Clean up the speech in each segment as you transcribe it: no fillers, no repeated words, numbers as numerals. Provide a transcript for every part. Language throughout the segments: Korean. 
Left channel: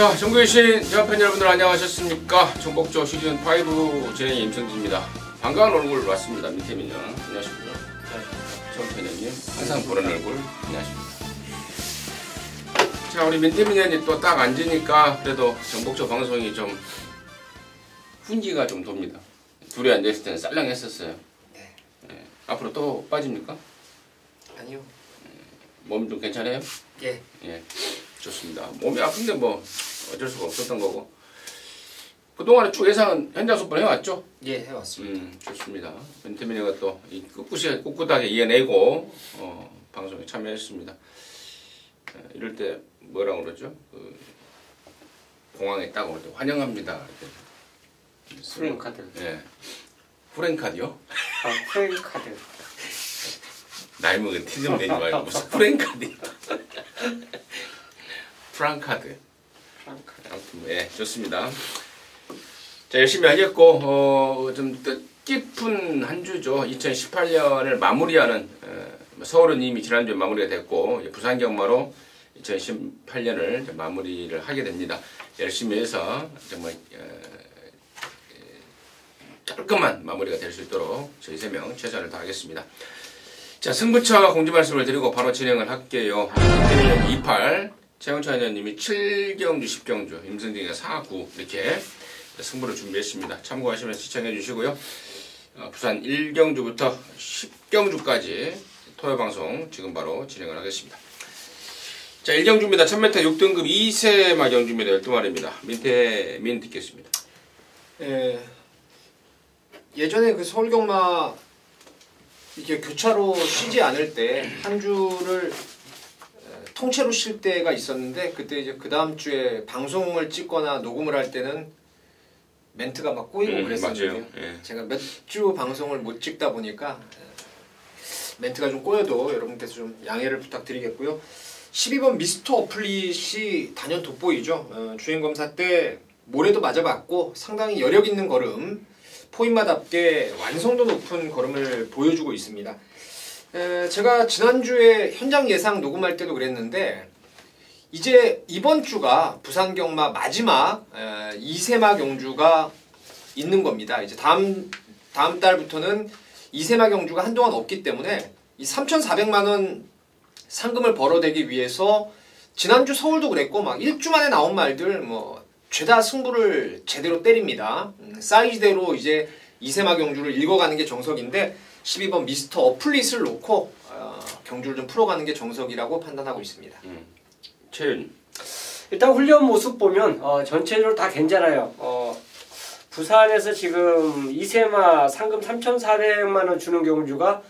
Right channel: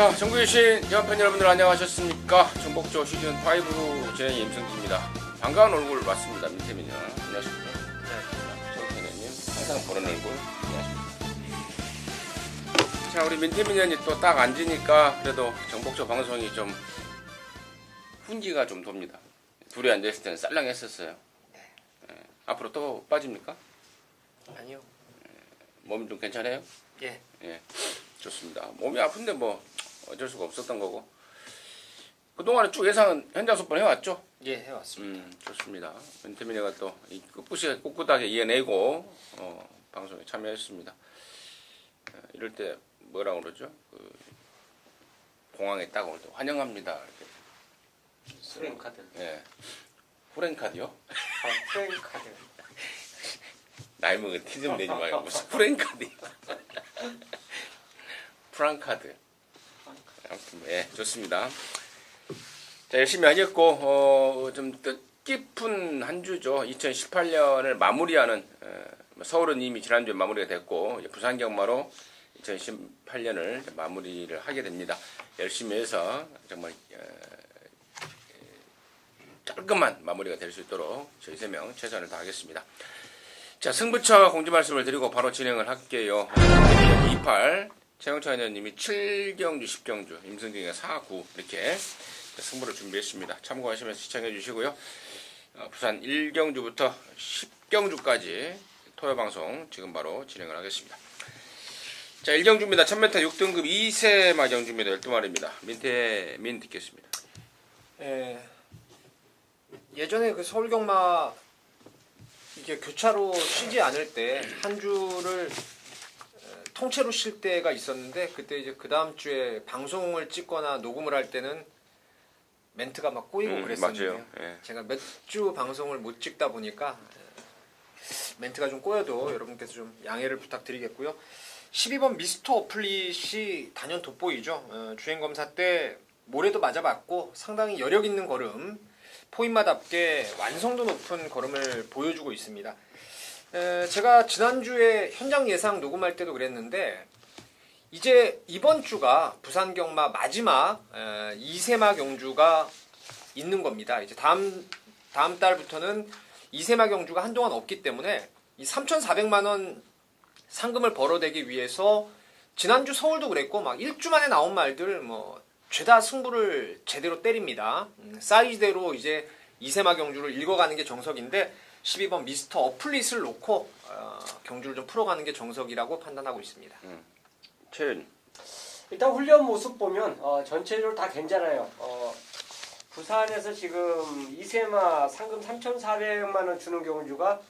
자, 전국에 계신 대화팬 여러분들 안녕하셨습니까? 전국조 시즌5 진행의 임성기입니다. 반가운 얼굴 봤습니다. 민태민이요. 안녕하십니까? 전태민님 항상 보는 얼굴 안녕하십니까? 자, 우리 민태민이 또 딱 앉으니까 그래도 전국조 방송이 좀 훈기가 좀 돕니다. 둘이 앉아있을 때는 쌀랑했었어요. 네. 네. 앞으로 또 빠집니까? 아니요. 몸 좀 괜찮아요? 예. 예. 좋습니다. 몸이 아픈데 뭐 어쩔 수가 없었던 거고. 그동안에 쭉 예상 현장 속보를 해왔죠? 예, 해왔습니다. 좋습니다. 민태민이가 또 꿋꿋하게 이겨내고 방송에 참여했습니다. 이럴 때 뭐라고 그러죠? 공항에 딱 올 때 환영합니다. 이렇게. 프랭카드. 예. 프랭카드요? 아, 프랭카드. 나이 먹은 티 좀 내지 말고 무슨 프랭카드야. 프랑카드. 아무튼 예, 좋습니다. 자, 열심히 하셨고 좀 뜻깊은 한 주죠. 2018년을 마무리하는 서울은 이미 지난주에 마무리가 됐고 부산 경마로 2018년을 마무리를 하게 됩니다. 열심히 해서 정말 깔끔한 마무리가 될 수 있도록 저희 3명 최선을 다하겠습니다. 자, 승부처 공지 말씀을 드리고 바로 진행을 할게요. 28 최원찬 의원님이 7경주, 10경주, 임승진이가 4, 9 이렇게 승부를 준비했습니다. 참고하시면서 시청해 주시고요. 부산 1경주부터 10경주까지 토요방송 지금 바로 진행을 하겠습니다. 자, 1경주입니다. 1000m 6등급 2세마 경주입니다. 12마리입니다. 민태민 듣겠습니다. 예전에 그 서울경마 이게 교차로 쉬지 않을 때 한 주를 통째로 쉴 때가 있었는데 그때 이제 그 다음 주에 방송을 찍거나 녹음을 할 때는 멘트가 막 꼬이고 그랬었는데요. 예. 제가 몇 주 방송을 못 찍다 보니까 멘트가 좀 꼬여도 여러분께서 좀 양해를 부탁드리겠고요. 12번 미스터 어플릿이 단연 돋보이죠. 주행검사 때 모래도 맞아봤고 상당히 여력 있는 걸음, 포인마답게 완성도 높은 걸음을 보여주고 있습니다. 제가 지난주에 현장 예상 녹음할 때도 그랬는데 이제 이번 주가 부산 경마 마지막 2세마 경주가 있는 겁니다. 이제 다음 달부터는 2세마 경주가 한동안 없기 때문에 이 3,400만 원 상금을 벌어대기 위해서 지난주 서울도 그랬고 막 1주 만에 나온 말들 뭐 죄다 승부를 제대로 때립니다. 사이즈대로 이제 2세마 경주를 읽어가는 게 정석인데 12번 미스터 어플릿을 놓고 경주를 좀 풀어가는 게 정석이라고 판단하고 있습니다. 최윤. 일단 훈련 모습 보면 전체적으로 다 괜찮아요. 부산에서 지금 2세마 상금 3,400만 원 주는 경주가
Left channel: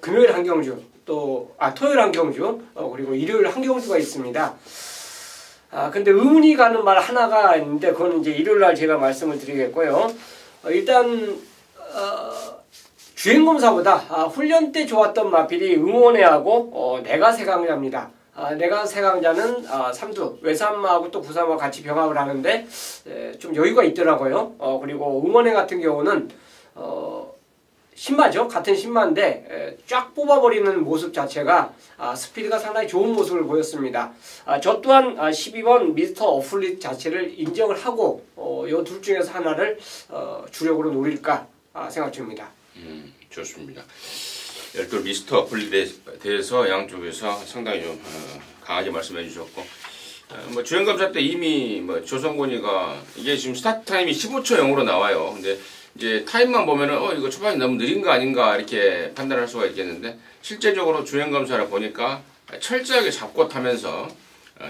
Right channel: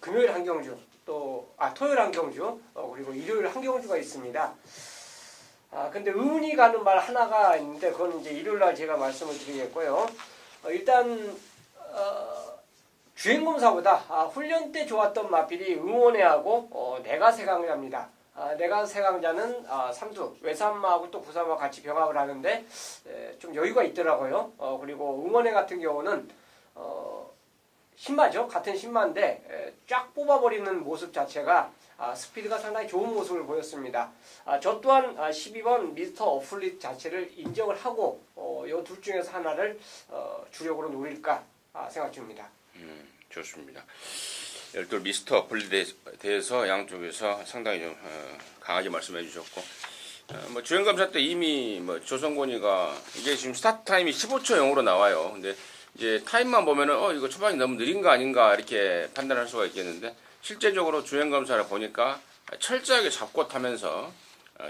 금요일 한 경주, 또 토요일 한 경주, 그리고 일요일 한 경주가 있습니다. 근데 의문이 가는 말 하나가 있는데 그건 이제 일요일 날 제가 말씀을 드리겠고요. 일단 주행검사보다 훈련 때 좋았던 마필이 응원회하고 내가세강자입니다. 내가세강자는 삼두 외산마하고 또 부산마 같이 병합을 하는데 좀 여유가 있더라고요. 그리고 응원회 같은 경우는 신마죠. 같은 신마인데 쫙 뽑아버리는 모습 자체가 스피드가 상당히 좋은 모습을 보였습니다. 저 또한 12번 미스터 어플릿 자체를 인정을 하고 이 둘 중에서 하나를 주력으로 노릴까 생각 중입니다. 좋습니다. 또 미스터 어플릿에 대해서 양쪽에서 상당히 좀 강하게 말씀해 주셨고 뭐 주행검사 때 이미 뭐 조성곤이가 이게 지금 스타트 타임이 15초 0으로 나와요. 근데 이제 타임만 보면은 이거 초반이 너무 느린 거 아닌가 이렇게 판단할 수가 있겠는데 실제적으로 주행검사를 보니까 철저하게 잡고 타면서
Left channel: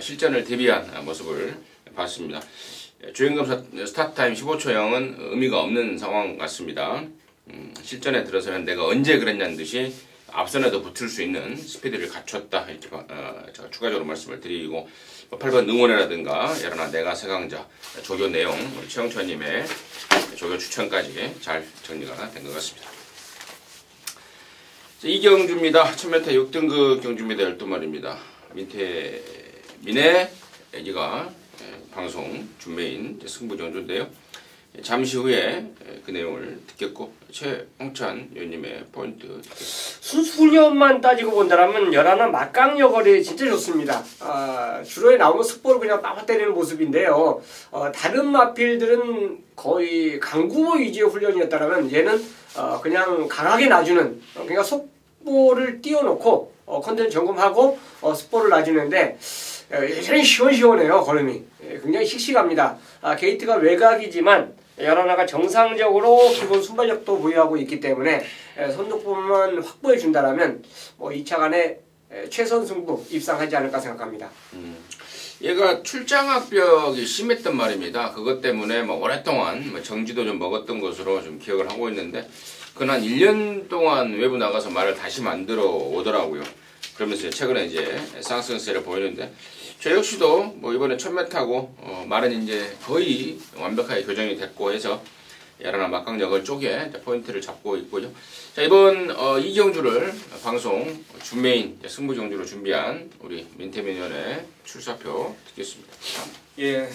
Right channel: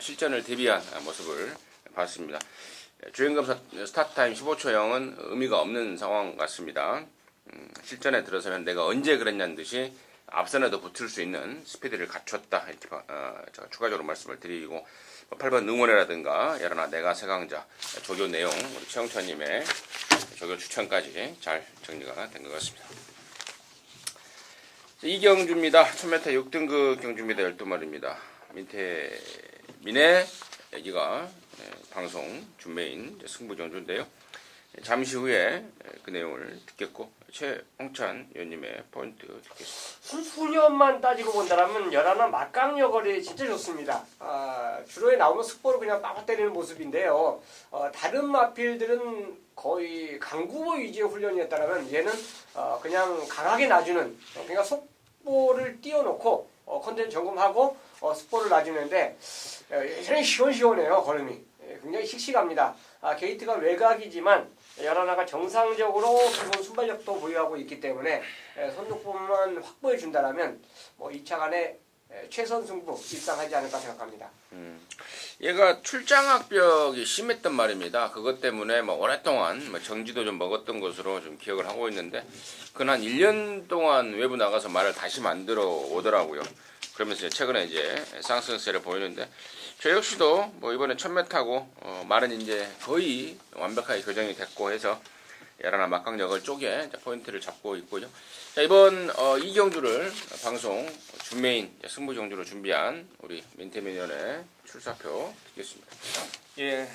실전을 대비한 모습을 봤습니다. 주행검사 스타트 타임 15초 0은 의미가 없는 상황 같습니다. 실전에 들어서면 내가 언제 그랬냐는 듯이 앞선에도 붙을 수 있는 스피드를 갖췄다 이렇게 제가 추가적으로 말씀을 드리고 8번 응원회라든가 여러나 내가 세강자 조교 내용 최영천님의 조교 추천까지 잘 정리가 된 것 같습니다. 이 경주입니다. 1000m 6등급 경주입니다. 12마리입니다. 민의 애기가 방송 준메인 승부 경주인데요. 잠시 후에 그 내용을 듣겠고 최홍찬 의원님의 포인트 듣겠습니다. 순수 훈련만 따지고 본다면 열하나 막강여걸이 진짜 좋습니다. 주로에 나오는 습보를 그냥 빠빠 때리는 모습인데요. 다른 마필들은 거의 강구모 위주의 훈련이었다면 얘는 그냥 강하게 놔주는 그러니까 속보를 띄워놓고 컨텐츠 점검하고 습보를 놔주는데 여전히 시원시원해요. 걸음이 굉장히 씩씩합니다. 게이트가 외곽이지만 열하나가 정상적으로 기본 순발력도 보유하고 있기 때문에 선두권만 확보해 준다라면 뭐 2차 간에 최선 승부 입상하지 않을까 생각합니다. 얘가 출장학벽이 심했단 말입니다. 그것 때문에 뭐 오랫동안 정지도 좀 먹었던 것으로 좀 기억을 하고 있는데 그건 한 1년 동안 외부 나가서 말을 다시 만들어 오더라고요. 그러면서 최근에 이제 상승세를 보이는데 저 역시도 뭐 이번에 1000m하고 말은 이제 거의 완벽하게 교정이 됐고 해서 열하나 막강여걸 쪽에 포인트를 잡고 있고요. 자, 이번 이경주를 방송 준메인 승부 경주로 준비한 우리 민태민 의원의 출사표 듣겠습니다. 예,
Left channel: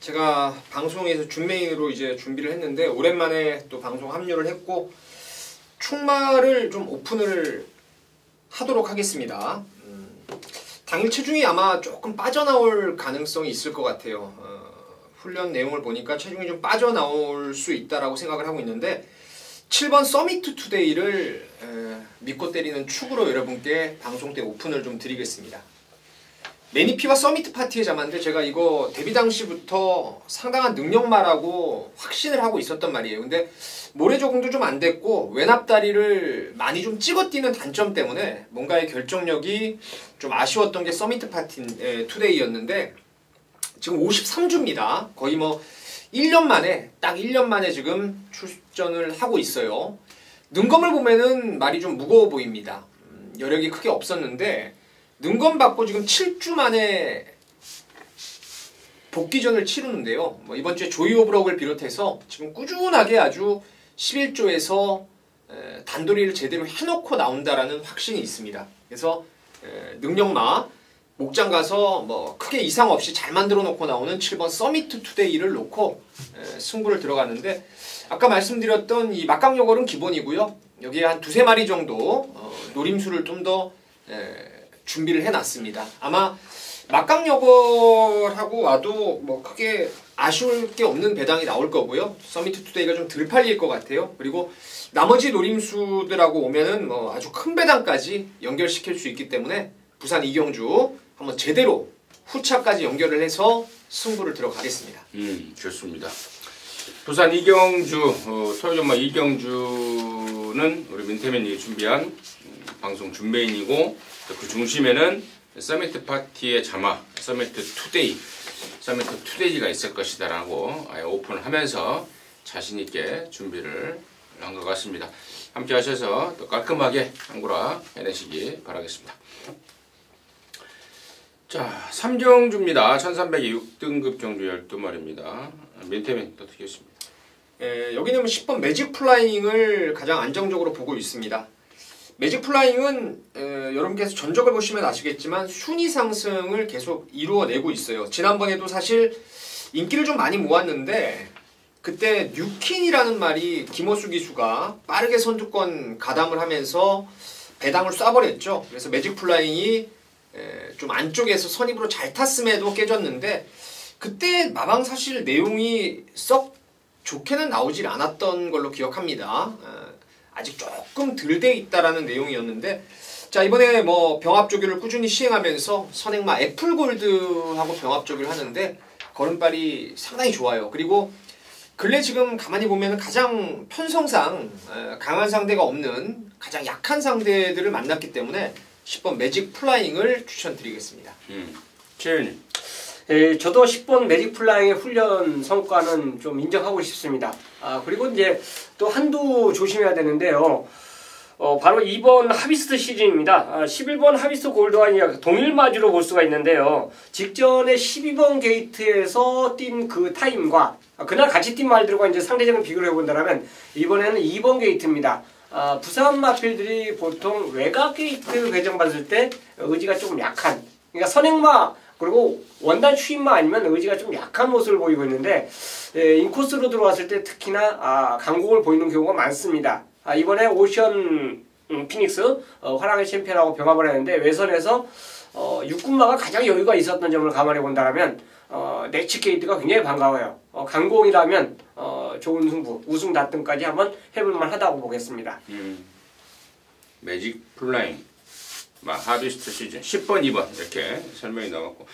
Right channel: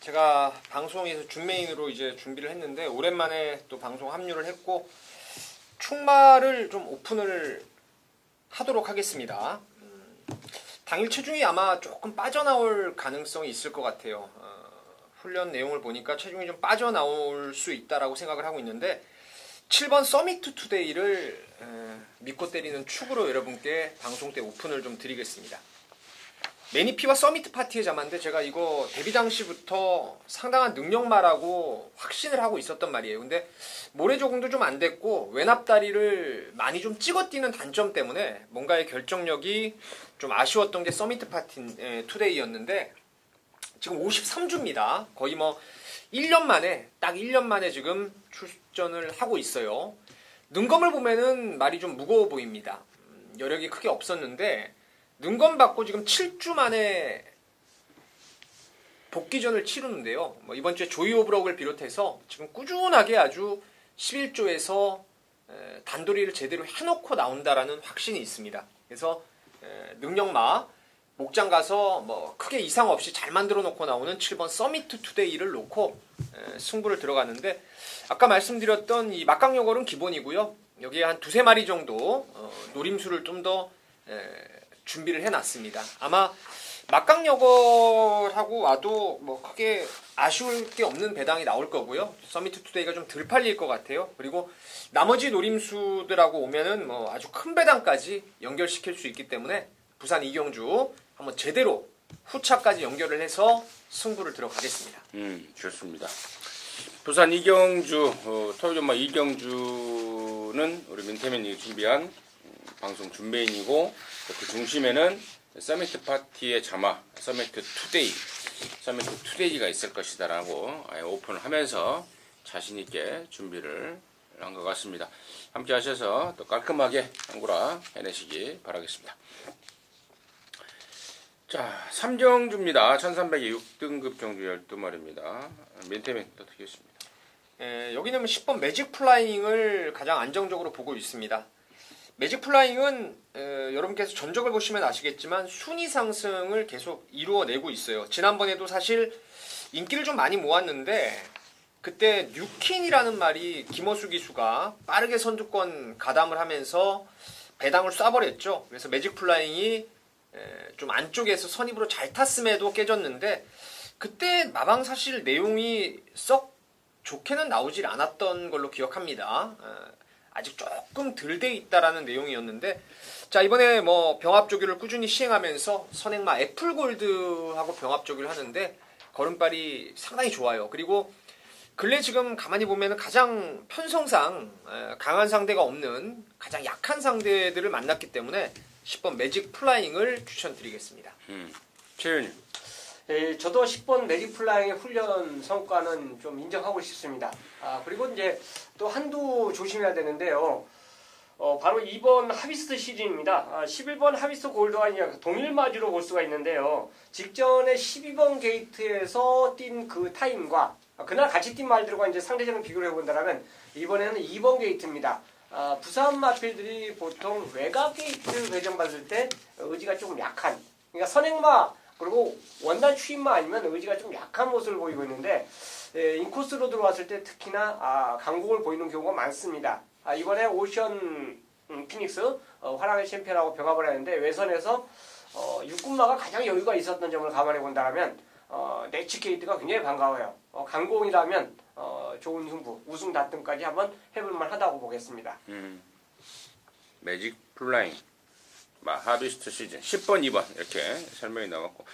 제가 방송에서 준메인으로 이제 준비를 했는데 오랜만에 또 방송 합류를 했고 충마를 좀 오픈을 하도록 하겠습니다. 당일 체중이 아마 조금 빠져나올 가능성이 있을 것 같아요. 훈련 내용을 보니까 체중이 좀 빠져나올 수 있다라고 생각을 하고 있는데 7번 서미트 투데이를 믿고 때리는 축으로 여러분께 방송 때 오픈을 좀 드리겠습니다. 매니피와 서미트 파티의 자만데 제가 이거 데뷔 당시부터 상당한 능력마라고 확신을 하고 있었단 말이에요. 근데 모래 적응도 좀 안 됐고 외납다리를 많이 좀 찍어 뛰는 단점 때문에 뭔가의 결정력이 좀 아쉬웠던 게 서미트 파티 투데이였는데 지금 53주입니다. 거의 뭐 1년 만에 딱 1년 만에 지금 출전을 하고 있어요. 능검을 보면은 말이 좀 무거워 보입니다. 여력이 크게 없었는데 능검 받고 지금 7주 만에 복귀전을 치르는데요. 뭐 이번 주에 조이 오브럭을 비롯해서 지금 꾸준하게 아주 11조에서 단도리를 제대로 해놓고 나온다라는 확신이 있습니다. 그래서 능력마 목장 가서 뭐 크게 이상 없이 잘 만들어 놓고 나오는 7번 서미트 투데이를 놓고 승부를 들어가는데 아까 말씀드렸던 이 막강여걸은 기본이고요. 여기에 한 2-3마리 정도 노림수를 좀 더 준비를 해놨습니다. 아마 막강여걸하고 와도 뭐 크게 아쉬울 게 없는 배당이 나올 거고요. 서미트 투데이가 좀 덜 팔릴 것 같아요. 그리고 나머지 노림수들하고 오면은 뭐 아주 큰 배당까지 연결시킬 수 있기 때문에 부산 이경주 한번 제대로 후차까지 연결을 해서 승부를 들어가겠습니다. 좋습니다. 부산 이경주 토요일마 이경주는 우리 민태민이 준비한 방송 준메인이고 그 중심에는 서미트 파티의 자마 서미트 투데이가 있을 것이다라고 아예 오픈을 하면서 자신 있게 준비를 한 것 같습니다. 함께 하셔서 또 깔끔하게 한구라 해내시기 바라겠습니다. 자, 3경주입니다. 1300에 6등급 정주 12마리입니다. 민태민 또 드리겠습니다. 여기는 10번 매직 플라잉을 가장 안정적으로 보고 있습니다. 매직 플라잉은 여러분께서 전적을 보시면 아시겠지만 순위 상승을 계속 이루어내고 있어요. 지난번에도 사실 인기를 좀 많이 모았는데 그때 뉴킨이라는 말이 김호수 기수가 빠르게 선두권 가담을 하면서 배당을 쏴버렸죠. 그래서 매직 플라잉이 좀 안쪽에서 선입으로 잘 탔음에도 깨졌는데 그때 마방 사실 내용이 썩 좋게는 나오질 않았던 걸로 기억합니다. 아직 조금 덜 돼 있다라는 내용이었는데 자 이번에 뭐 병합조교를 꾸준히 시행하면서 선행마 애플골드하고 병합조교를 하는데 걸음발이 상당히 좋아요. 그리고 근래 지금 가만히 보면 가장 편성상 강한 상대가 없는 가장 약한 상대들을 만났기 때문에 10번 매직 플라잉을 추천드리겠습니다. 최윤님. 저도 10번 매직 플라잉의 훈련 성과는 좀 인정하고 싶습니다. 그리고 이제 또 한두 조심해야 되는데요. 바로 이번 하비스트 시즌입니다. 11번 하비스트 골드와 동일마주로 볼 수가 있는데요. 직전에 12번 게이트에서 뛴 그 타임과 그날 같이 뛴 말들과 이제 상대적인 비교를 해본다면 이번에는 2번 게이트입니다. 부산 마필들이 보통 외곽 게이트 배정받을 때 의지가 조금 약한 그러니까 선행마 그리고 원단 추임만 아니면 의지가 좀 약한 모습을 보이고 있는데 인코스로 들어왔을 때 특히나 강공을 보이는 경우가 많습니다. 이번에 오션 피닉스 화랑의 챔피언하고 병합을 했는데 외선에서 육군마가 가장 여유가 있었던 점을 감안해 본다면 네치 게이트가 굉장히 반가워요. 강공이라면 좋은 승부, 우승 다툼까지 한번 해볼만 하다고 보겠습니다. 매직 플라잉 하비스트 시즌 10번, 2번 이렇게 설명이 나왔고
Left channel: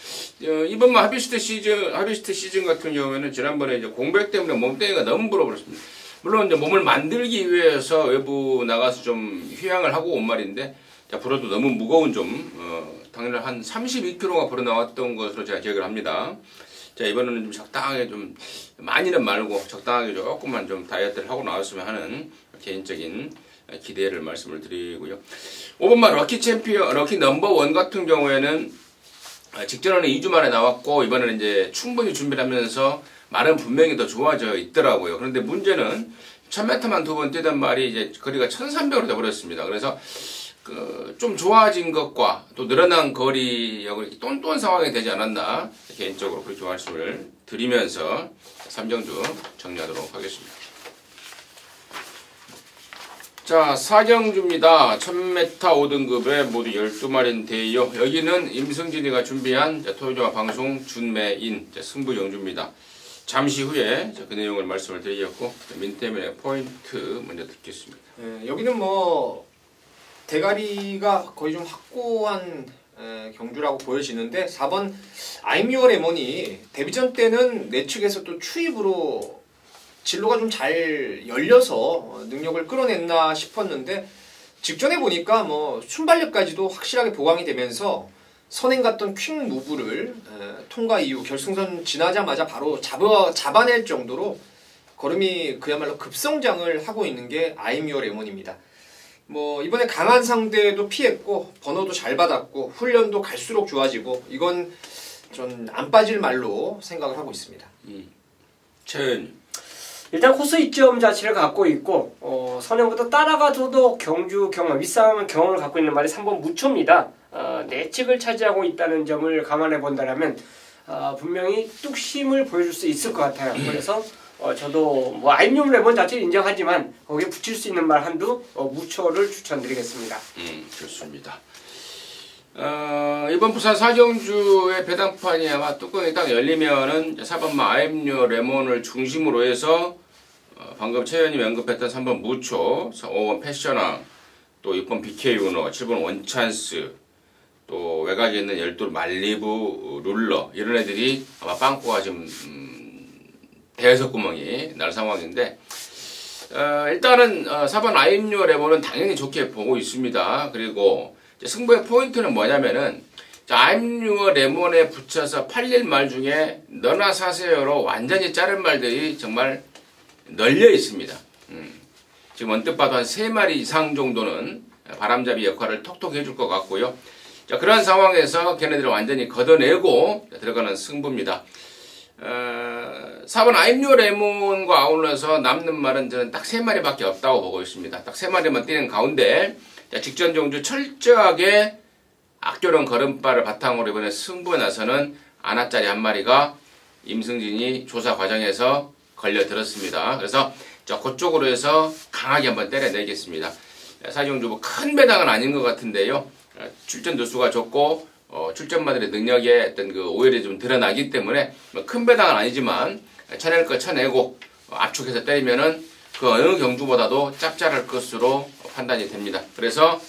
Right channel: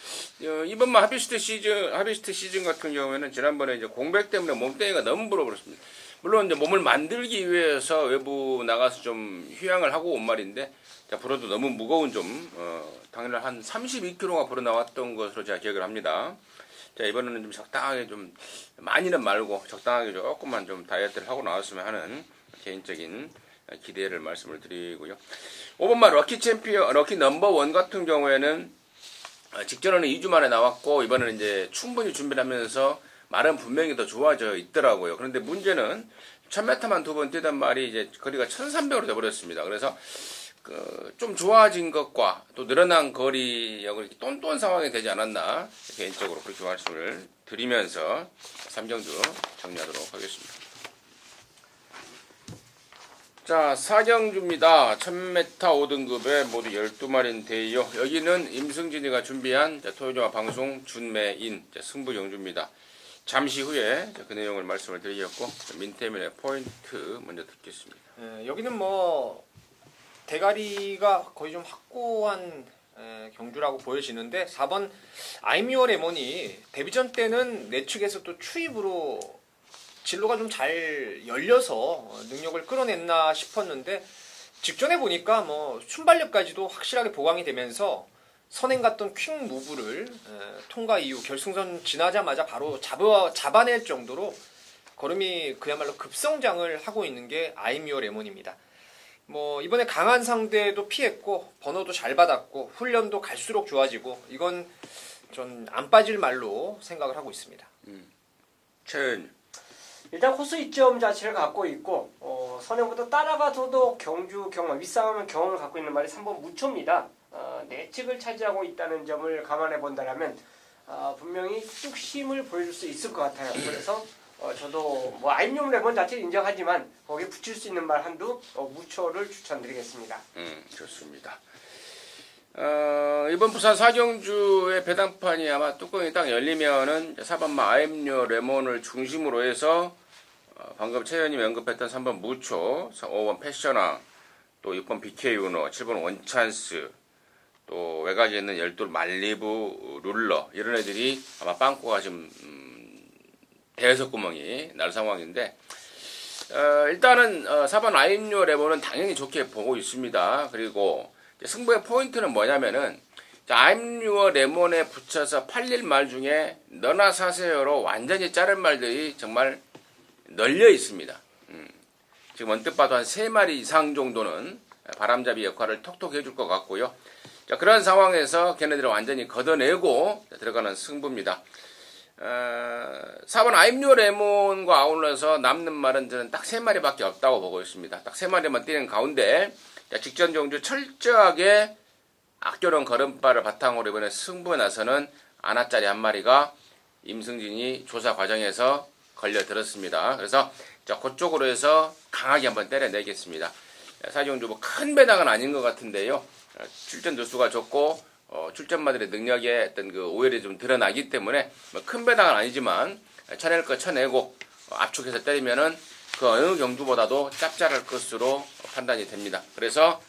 이번 하비스트 시즌 같은 경우에는 지난번에 이제 공백 때문에 몸뚱이가 너무 불어버렸습니다. 물론 이제 몸을 만들기 위해서 외부 나가서 좀 휴양을 하고 온 말인데 불어도 너무 무거운 당일 한 32kg가 불어 나왔던 것으로 제가 기억을 합니다. 자, 이번에는 좀 적당하게 좀 많이는 말고 적당하게 조금만 좀 다이어트를 하고 나왔으면 하는 개인적인 기대를 말씀을 드리고요. 5번마 럭키 넘버 1 같은 경우에는 직전에는 2주 만에 나왔고 이번에는 이제 충분히 준비를 하면서 말은 분명히 더 좋아져 있더라고요. 그런데 문제는 1000m만 2번 뛰던 말이 이제 거리가 1300으로 돼버렸습니다. 그래서 좀 좋아진 것과 또 늘어난 거리하고 똔똔 상황이 되지 않았나 개인적으로 그렇게 말씀을 드리면서 3경주 정리하도록 하겠습니다. 자, 4경주입니다. 1000m 5등급에 모두 12마리인데요. 여기는 임승진이가 준비한 토요일화 방송 준매인 승부 경주입니다. 잠시 후에 그 내용을 말씀을 드리겠고 민태민의 포인트 먼저 듣겠습니다. 여기는 뭐 대가리가 거의 좀 확고한 경주라고 보여지는데 4번 I'm Your 레몬이 데뷔전 때는 내측에서 또 추입으로 진로가 좀 잘 열려서 능력을 끌어냈나 싶었는데 직전에 보니까 뭐 순발력까지도 확실하게 보강이 되면서 선행 갔던 퀵 무브를 통과 이후 결승선 지나자마자 바로 잡아낼 정도로 걸음이 그야말로 급성장을 하고 있는 게 I'm Your 레몬입니다. 뭐 이번에 강한 상대도 피했고 번호도 잘 받았고 훈련도 갈수록 좋아지고 이건 전 안 빠질 말로 생각을 하고 있습니다. 최은 일단 코스 이점 자체를 갖고 있고 선행보다 따라가서도 경주 경험, 윗싸움 경험을 갖고 있는 말이 3번 무초입니다. 내측을 차지하고 있다는 점을 감안해 본다면 분명히 뚝심을 보여줄 수 있을 것 같아요. 그래서 저도 뭐 아임용 레몬 자체를 인정하지만 거기에 붙일 수 있는 말 한두 무초를 추천드리겠습니다. 좋습니다. 이번 부산 4경주의 배당판이 아마 뚜껑이 딱 열리면은 4번마 아임료 레몬을 중심으로 해서 방금 최현님이 언급했던 3번 무초, 5번 패셔나, 또 6번 BK 우노, 7번 원찬스, 또 외곽에 있는 12 말리부 룰러 이런 애들이 아마 빵꾸가 지금 대여섯구멍이 날 상황인데 일단은 4번 아임료 레몬은 당연히 좋게 보고 있습니다. 그리고 승부의 포인트는 뭐냐면은 아임료 레몬에 붙여서 팔릴 말 중에 너나 사세요로 완전히 자른 말들이 정말 널려 있습니다. 지금 언뜻 봐도 한 3마리 이상 정도는 바람잡이 역할을 톡톡 해줄 것 같고요. 자, 그런 상황에서 걔네들을 완전히 걷어내고 들어가는 승부입니다. 4번 아임료 레몬과 아울러서 남는 말은 저는 딱 3마리밖에 없다고 보고 있습니다. 딱 3마리만 뛰는 가운데 직전 경주 철저하게 악조런 걸음발을 바탕으로 이번에 승부에 나서는 아나짜리 한 마리가 임승진이 조사 과정에서 걸려들었습니다. 그래서 그쪽으로 해서 강하게 한번 때려내겠습니다. 사경주 뭐 큰 배당은 아닌 것 같은데요. 출전 두수가 좋고 출전마들의 능력에 어떤 그 오열이 좀 드러나기 때문에 뭐 큰 배당은 아니지만 쳐낼 거 쳐내고 압축해서 때리면은 그 어느 경주보다도 짭짤할 것으로 판단이 됩니다. 그래서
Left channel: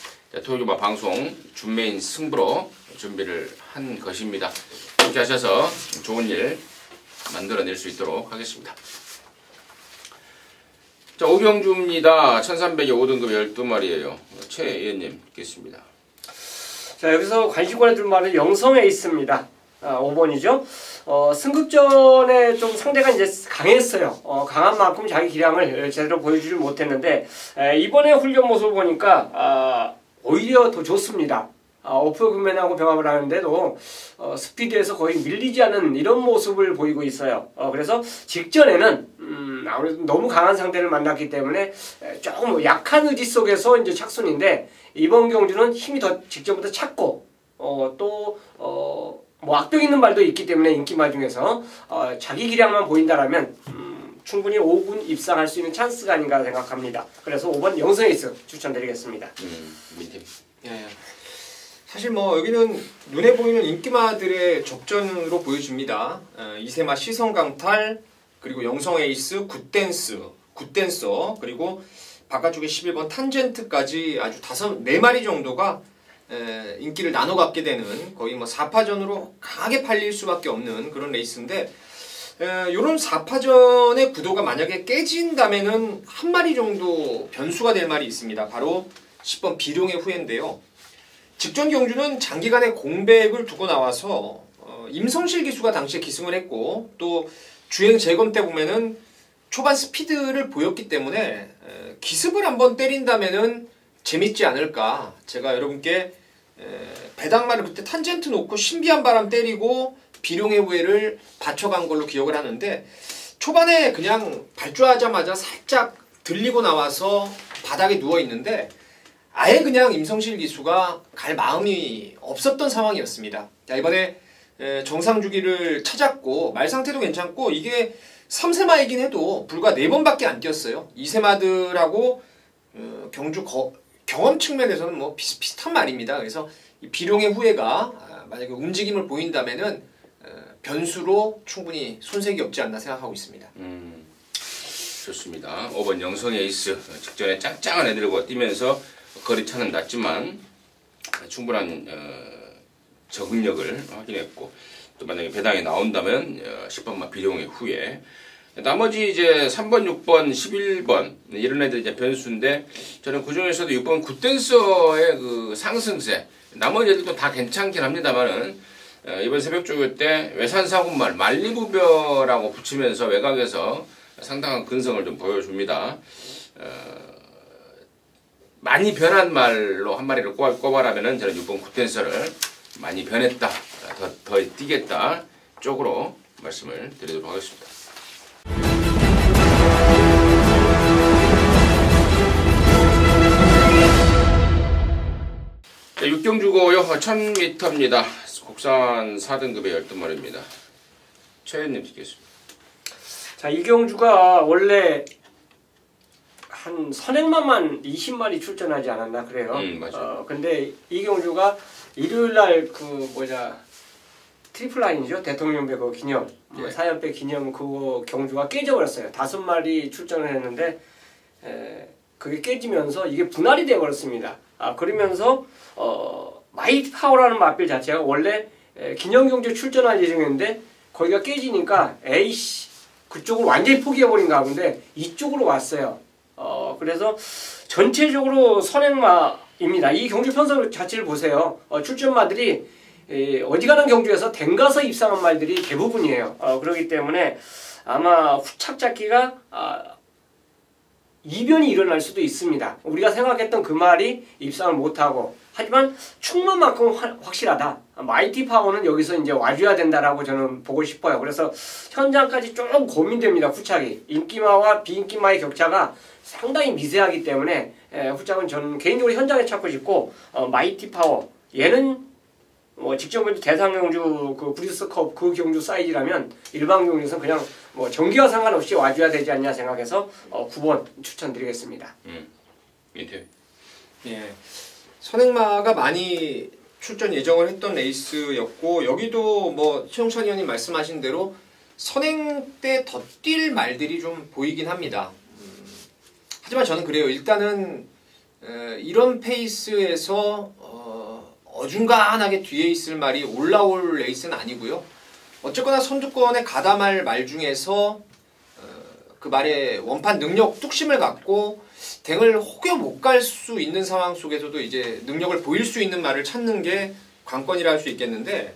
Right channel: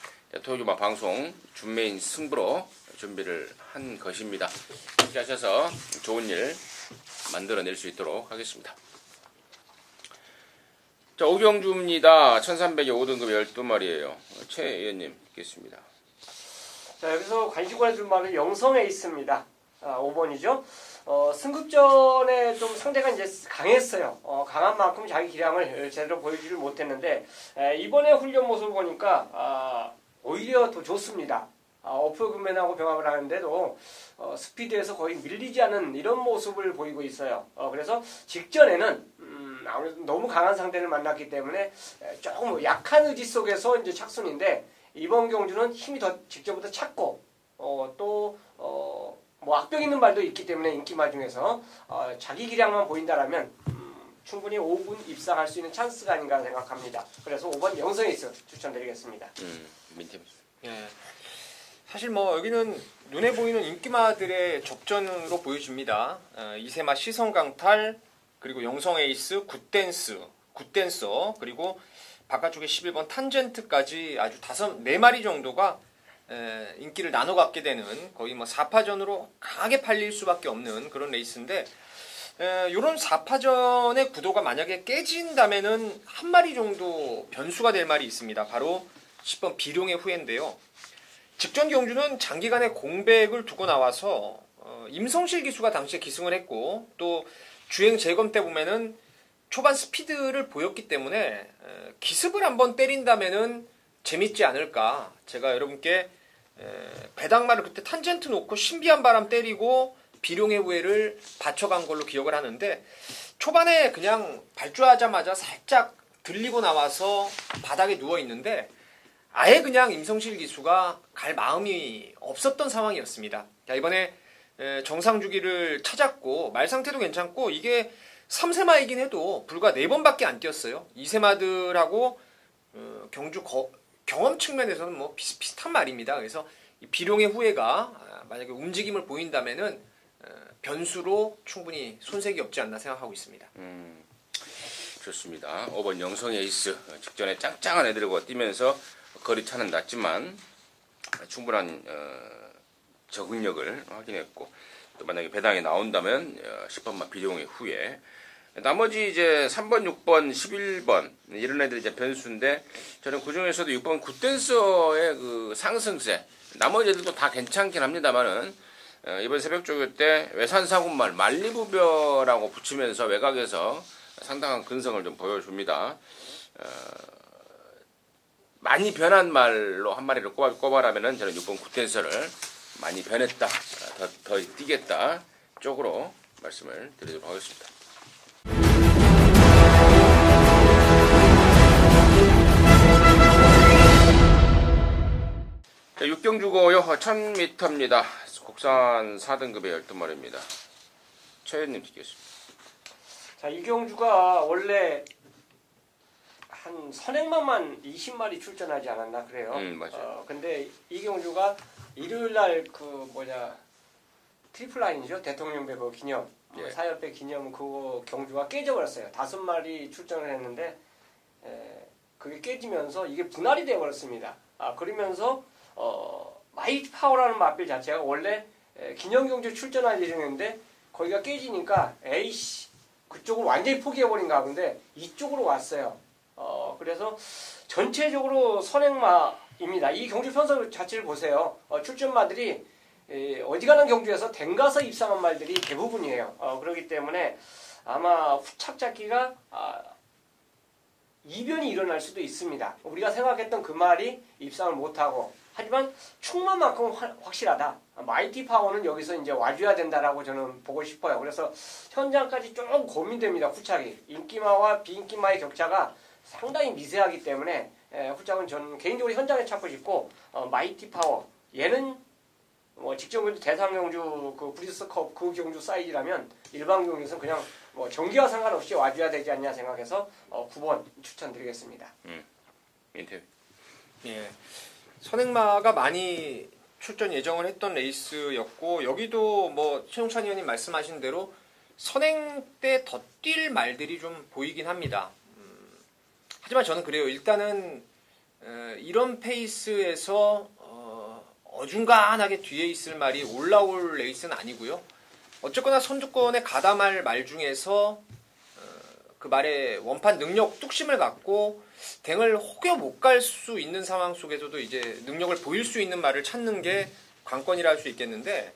토요일마 방송 준매인 승부로 준비를 한 것입니다. 그렇게 하셔서 좋은 일 만들어낼 수 있도록 하겠습니다. 자, 5경주입니다. 1300에 5등급 12마리예요. 최 의원님 듣겠습니다. 자, 여기서 관심 가져줄 말은 영성에 있습니다. 5번이죠. 승급전에 좀 상대가 이제 강했어요. 강한 만큼 자기 기량을 제대로 보여주지 못했는데 이번에 훈련 모습을 보니까 오히려 더 좋습니다. 오프그맨하고 병합을 하는데도 스피드에서 거의 밀리지 않은 이런 모습을 보이고 있어요. 그래서 직전에는 아무래도 너무 강한 상대를 만났기 때문에 조금 약한 의지 속에서 이제 착순인데 이번 경주는 힘이 더 직전보다 찼고 또 뭐 악독 있는 말도 있기 때문에 인기마 중에서 자기 기량만 보인다라면 충분히 5군 입상할 수 있는 찬스가 아닌가 생각합니다. 그래서 5번 영성에이스 추천드리겠습니다. 민팀. 예. 사실 뭐 여기는 눈에 보이는 인기마들의 접전으로 보여집니다. 이세마 시선강탈, 그리고 영성에이스, 굿댄서, 그리고 바깥쪽에 11번 탄젠트까지 아주 4마리 정도가 인기를 나눠 갖게 되는 거의 뭐 4파전으로 강하게 팔릴 수밖에 없는 그런 레이스인데, 이런 4파전의 구도가 만약에 깨진다면은 한 마리 정도 변수가 될 말이 있습니다. 바로 10번 비룡의 후예인데요. 직전 경주는 장기간의 공백을 두고 나와서 임성실 기수가 당시에 기승을 했고, 또 주행 재검 때 보면은 초반 스피드를 보였기 때문에 기습을 한번 때린다면은 재밌지 않을까. 제가 여러분께 배당말을 그때 탄젠트 놓고 신비한 바람 때리고 비룡의 후예를 받쳐간 걸로 기억을 하는데, 초반에 그냥 발주하자마자 살짝 들리고 나와서 바닥에 누워 있는데 아예 그냥 임성실 기수가 갈 마음이 없었던 상황이었습니다. 자, 이번에 정상 주기를 찾았고 말 상태도 괜찮고, 이게 3세마이긴 해도 불과 4번밖에 안 뛰었어요. 2세마들하고 경주 경험 측면에서는 뭐 비슷비슷한 말입니다. 그래서 이 비룡의 후예가 만약에 움직임을 보인다면은 변수로 충분히 손색이 없지 않나 생각하고 있습니다. 좋습니다. 5번 영성 에이스 직전에 짱짱한 애들과 뛰면서 거리차는 낮지만 충분한 적응력을 확인했고, 또 만약에 배당이 나온다면 10번만 비룡의 후예, 나머지 이제 3번, 6번, 11번 이런 애들 이제 변수인데, 저는 그 중에서도 6번 굿댄서의 그 상승세, 나머지 애들도 다 괜찮긴 합니다만은 이번 새벽 조교 때 외산사군말 만리부벼라고 붙이면서 외곽에서 상당한 근성을 좀 보여줍니다. 많이 변한 말로 한 마리를 꼽아라면은 저는 6번 굿댄서를 많이 변했다, 더 뛰겠다 쪽으로 말씀을 드리도록 하겠습니다. 자, 6경주고요. 1000m입니다. 국산 4등급의 12마리입니다. 최현님 듣겠습니다. 자, 이 경주가 원래 한 선행마만 20마리 출전하지 않았나 그래요. 맞아요. 근데 이 경주가 일요일날 트리플 라인이죠. 대통령배 그 기념, 예. 사연배 기념 그 경주가 깨져버렸어요. 5마리 출전을 했는데 그게 깨지면서 이게 분할이 돼버렸습니다. 그러면서 마이트 파워라는 마필 자체가 원래 기념 경주 출전할 예정이었는데 거기가 깨지니까 에이씨 그쪽으로 완전히 포기해버린 가운데 이쪽으로 왔어요. 그래서 전체적으로 선행마입니다. 이 경주 편성 자체를 보세요. 출전마들이 어지간한 경주에서 댕가서 입상한 말들이 대부분이에요. 그렇기 때문에 아마 후착 잡기가 이변이 일어날 수도 있습니다. 우리가 생각했던 그 말이 입상을 못하고, 하지만 충만만큼 확실하다. 마이티 파워는 여기서 이제 와줘야 된다라고 저는 보고 싶어요. 그래서 현장까지 좀 고민됩니다. 후착이 인기마와 비인기마의 격차가 상당히 미세하기 때문에 후착은 저는 개인적으로 현장에 찾고 싶고, 마이티 파워 얘는 직전 경주 대상 경주 그 브리스컵 그 경주 사이즈라면 일반 경주에서 그냥 전기와 상관없이 와줘야 되지 않냐 생각해서 9번 추천드리겠습니다. 민태. 예. 선행마가 많이 출전 예정을 했던 레이스였고, 여기도 뭐 최용찬 의원님 말씀하신 대로 선행 때 더 뛸 말들이 좀 보이긴 합니다. 하지만 저는 그래요. 일단은 이런 페이스에서 어중간하게 뒤에 있을 말이 올라올 레이스는 아니고요. 어쨌거나 선두권에 가담할 말 중에서 그 말에 원판 능력 뚝심을 갖고 댕을 혹여 못 갈 수 있는 상황 속에서도 이제 능력을 보일 수 있는 말을 찾는 게 관건이라 할 수 있겠는데,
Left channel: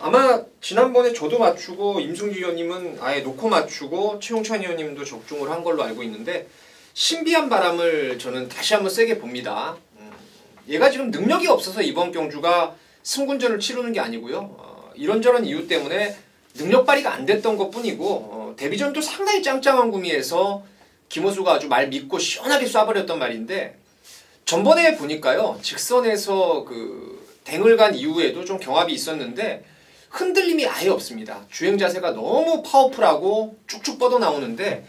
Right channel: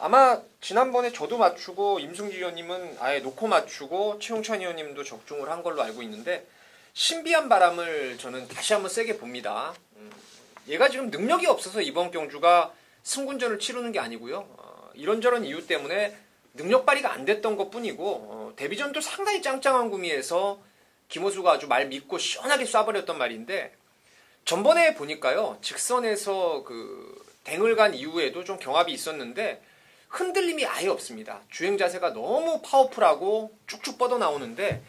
아마 지난번에 저도 맞추고 임승기 의원님은 아예 놓고 맞추고 최용찬 의원님도 적중을 한 걸로 알고 있는데, 신비한 바람을 저는 다시 한번 세게 봅니다. 얘가 지금 능력이 없어서 이번 경주가 승군전을 치르는 게 아니고요. 이런저런 이유 때문에 능력 발휘가 안 됐던 것뿐이고, 데뷔전도 상당히 짱짱한 구미에서 김호수가 아주 말 믿고 시원하게 쏴버렸던 말인데, 전번에 보니까요, 직선에서 그 댕을 간 이후에도 좀 경합이 있었는데 흔들림이 아예 없습니다. 주행 자세가 너무 파워풀하고 쭉쭉 뻗어 나오는데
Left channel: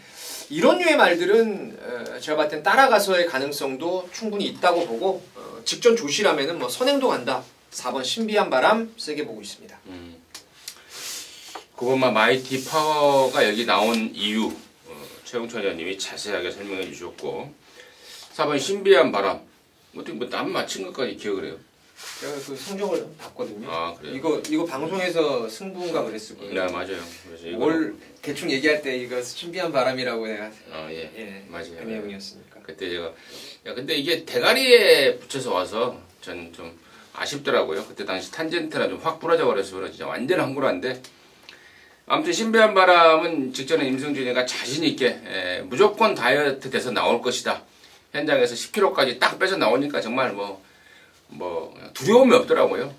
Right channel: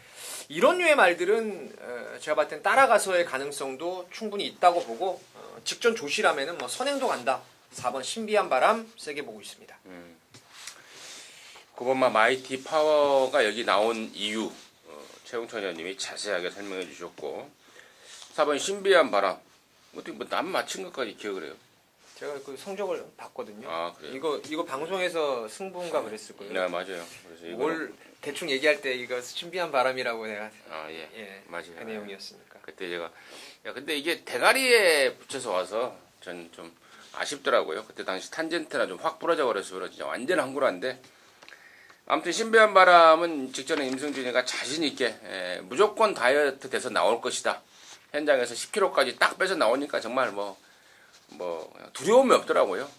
이런 류의 말들은 제가 봤을 땐 따라가서의 가능성도 충분히 있다고 보고 직전 조시라면은 뭐 선행도 간다. 4번 신비한 바람 세게 보고 있습니다. 그것만 마이티 파워가 여기 나온 이유 최홍천 의원님이 자세하게 설명해 주셨고 4번 신비한 바람 어떻게 뭐 남 맞힌 것까지 기억을 해요? 제가 그 성적을 봤거든요. 아 그래요? 이거 방송에서 승부인가 그랬을 거예요. 네 맞아요. 그래서 뭘 대충 얘기할 때 이거 신비한 바람이라고 해야 예 맞아요. 그 내용이었으니까. 그때 제가 야 근데 이게 대가리에 붙여서 와서 전 좀 아쉽더라고요. 그때 당시 탄젠트나 좀 확 부러져 버려서 그래 진짜 완전 한구라인데 아무튼 신비한 바람은 직전에 임승준이가 자신 있게 무조건 다이어트 돼서 나올 것이다. 현장에서 10kg까지 딱 빼서 나오니까 정말 뭐 두려움이 없더라고요.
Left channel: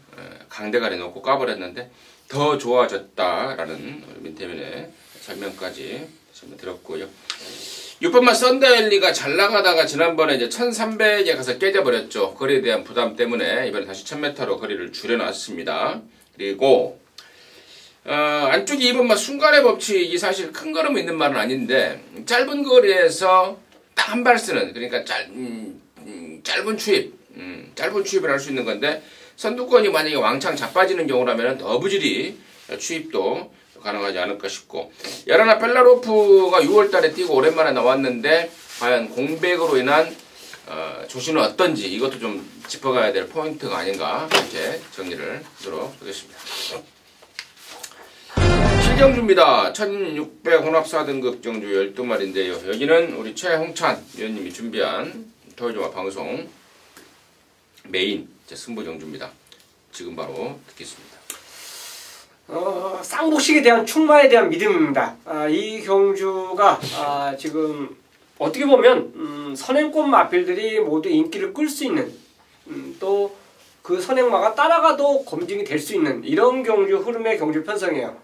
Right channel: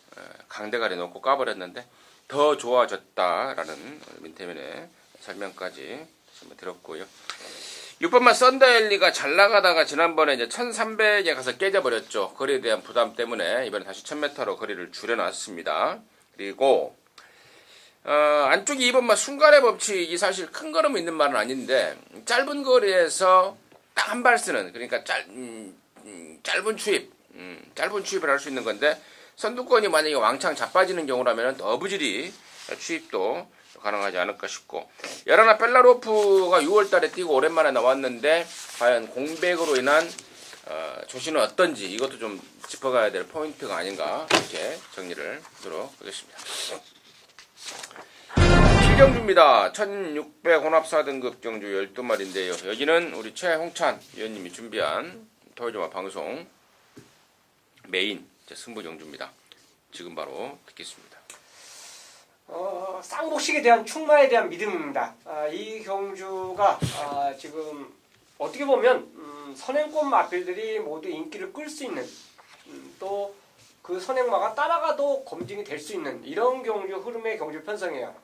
강대가리 놓고 까버렸는데 더 좋아졌다라는 민태민의 설명까지 들었고요. 6번만 썬더엘리가 잘 나가다가 지난번에 이제 1300에 가서 깨져버렸죠. 거리에 대한 부담 때문에 이번에 다시 1000m로 거리를 줄여놨습니다. 그리고 안쪽이 2번만 순간의 법칙이 사실 큰 걸음이 있는 말은 아닌데 짧은 거리에서 딱 한 발 쓰는 그러니까 짧은 추입을 할 수 있는 건데 선두권이 만약에 왕창 자빠지는 경우라면 더 부지리 추입도 가능하지 않을까 싶고 야라나 벨라로프가 6월달에 뛰고 오랜만에 나왔는데 과연 공백으로 인한 조시는 어떤지 이것도 좀 짚어가야 될 포인트가 아닌가 이렇게 정리를 하도록 하겠습니다. 7경주입니다. 1600 혼합 4등급 경주 12마리인데요. 여기는 우리 최홍찬 위원님이 준비한 토요일조마 방송 메인 승부 경주입니다. 지금 바로 듣겠습니다. 쌍복식에 대한 충마에 대한 믿음입니다. 이 경주가 지금 어떻게 보면 선행권 마필들이 모두 인기를 끌 수 있는 또 그 선행마가 따라가도 검증이 될 수 있는 이런 경주 흐름의 경주 편성이에요.